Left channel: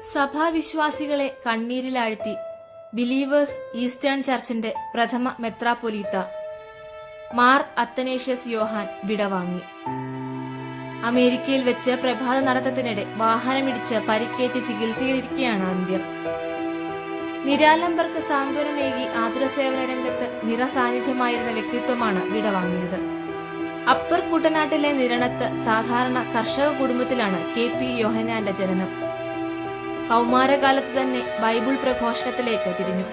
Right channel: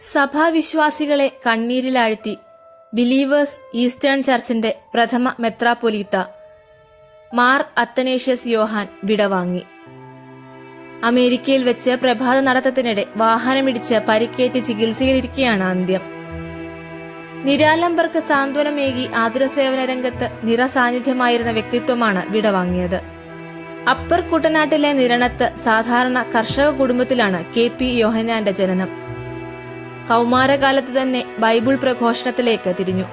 സഭാവിശ്വാസികളെ കണ്ണീരിലാഴ്ത്തി believers eastern ചർച്ചിന്റെ പ്രഥമ മെത്രാപ്പൊലീത്ത മാർ അത്തനേഷ്യസ് യോഹാൻ വിടവാങ്ങി. അമേരിക്കയിൽ വെച്ച് പ്രഭാത നടത്തത്തിനിടെ വാഹനമിടിച്ച് പരിക്കേറ്റ് ചികിത്സയിലിരിക്കുകയാണ് അന്ത്യം. നിരാലംബർക്ക് സാന്ത്വനമേകി ആതുര സേവന രംഗത്ത് നിറസാന്നിധ്യമായിരുന്ന വ്യക്തിത്വമാണ് വിടവാങ്ങിയത്. അപ്പർ കുട്ടനാട്ടിലെ നിരണത്ത് സാധാരണ കർഷക കുടുംബത്തിലാണ് കെ പി യോഹനാന്റെ ജനനം. കൗമാരകാലത്ത് തന്നെ ബൈബിൾ പ്രഘോഷണത്തിലേക്ക് തിരിഞ്ഞു.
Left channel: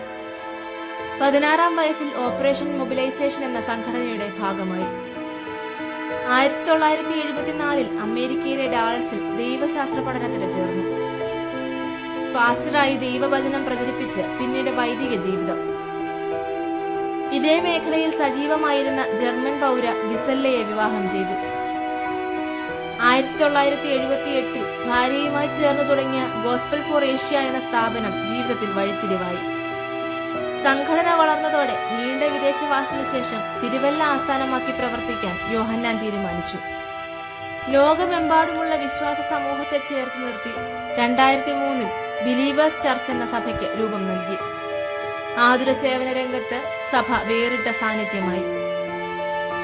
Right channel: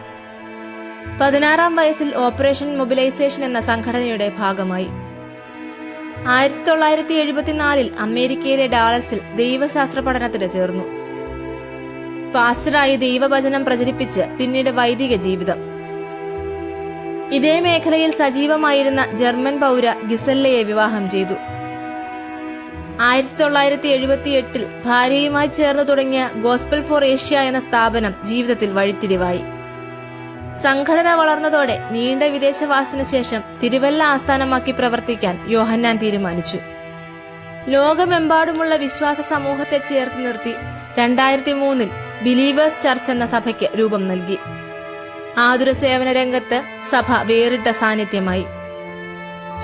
പതിനാറാം വയസ്സിൽ ഓപ്പറേഷൻ മൊബിലൈസേഷൻ എന്ന സംഘടനയുടെ ഭാഗമായി. ആയിരത്തി തൊള്ളായിരത്തി എഴുപത്തിനാലിൽ അമേരിക്കയിലെ ഡാളസിൽ ദൈവശാസ്ത്ര പഠനത്തിന് ചേർന്നു. പാസ്റ്ററായി ദൈവവചനം പ്രചരിപ്പിച്ച് പിന്നീട് വൈദിക ജീവിതം. ഇതേ മേഖലയിൽ സജീവമായിരുന്ന ജർമ്മൻ പൗര ഗിസല്ലയെ വിവാഹം ചെയ്തു. ആയിരത്തി തൊള്ളായിരത്തി എഴുപത്തി എട്ടിൽ ഭാര്യയുമായി ചേർന്ന് തുടങ്ങിയ ഗോസ്പൽ ഫോർ ഏഷ്യ എന്ന സ്ഥാപനം ജീവിതത്തിൽ വഴിത്തിരിവായി. സംഘടന വളർന്നതോടെ നീണ്ട വിദേശവാസത്തിനു ശേഷം തിരുവല്ല ആസ്ഥാനമാക്കി പ്രവർത്തിക്കാൻ യോഹന്നാൻ തീരുമാനിച്ചു. ലോകമെമ്പാടുമുള്ള വിശ്വാസ സമൂഹത്തെ ചേർത്ത് നിർത്തി രണ്ടായിരത്തി മൂന്നിൽ ബിലീവേഴ്സ് ചർച്ച് എന്ന സഭയ്ക്ക് രൂപം നൽകി. ആതുര സേവന രംഗത്ത് സഭ വേറിട്ട സാന്നിധ്യമായി.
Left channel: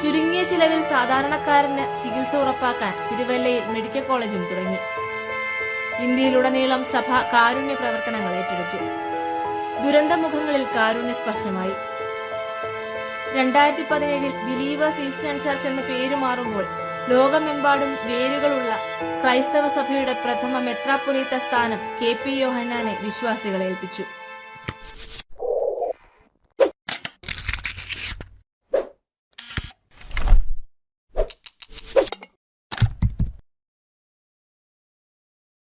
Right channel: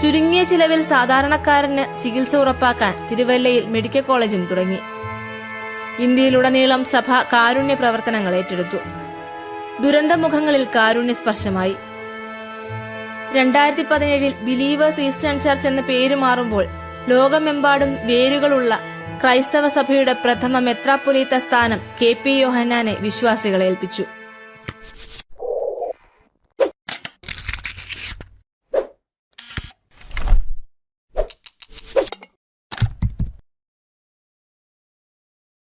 ചുരുങ്ങിയ ചിലവിൽ സാധാരണക്കാരന് ചികിത്സ ഉറപ്പാക്കാൻ തിരുവല്ലയിൽ മെഡിക്കൽ കോളേജും തുടങ്ങി. ഇന്ത്യയിലുടനീളം സഭ കാരുണ്യ പ്രവർത്തനങ്ങൾ ഏറ്റെടുത്തു. ദുരന്തമുഖങ്ങളിൽ കാരുണ്യ സ്പർശമായി. രണ്ടായിരത്തി പതിനേഴിൽ ബിലീവേഴ്സ് ഈസ്റ്റേൺ ചർച്ച് എന്ന പേര് മാറുമ്പോൾ ലോകമെമ്പാടും വേരുകളുള്ള ക്രൈസ്തവ സഭയുടെ പ്രഥമ മെത്രാപ്പൊലീത്ത സ്ഥാനം കെ പി യോഹന്നാനെ വിശ്വാസികളെ ഏൽപ്പിച്ചു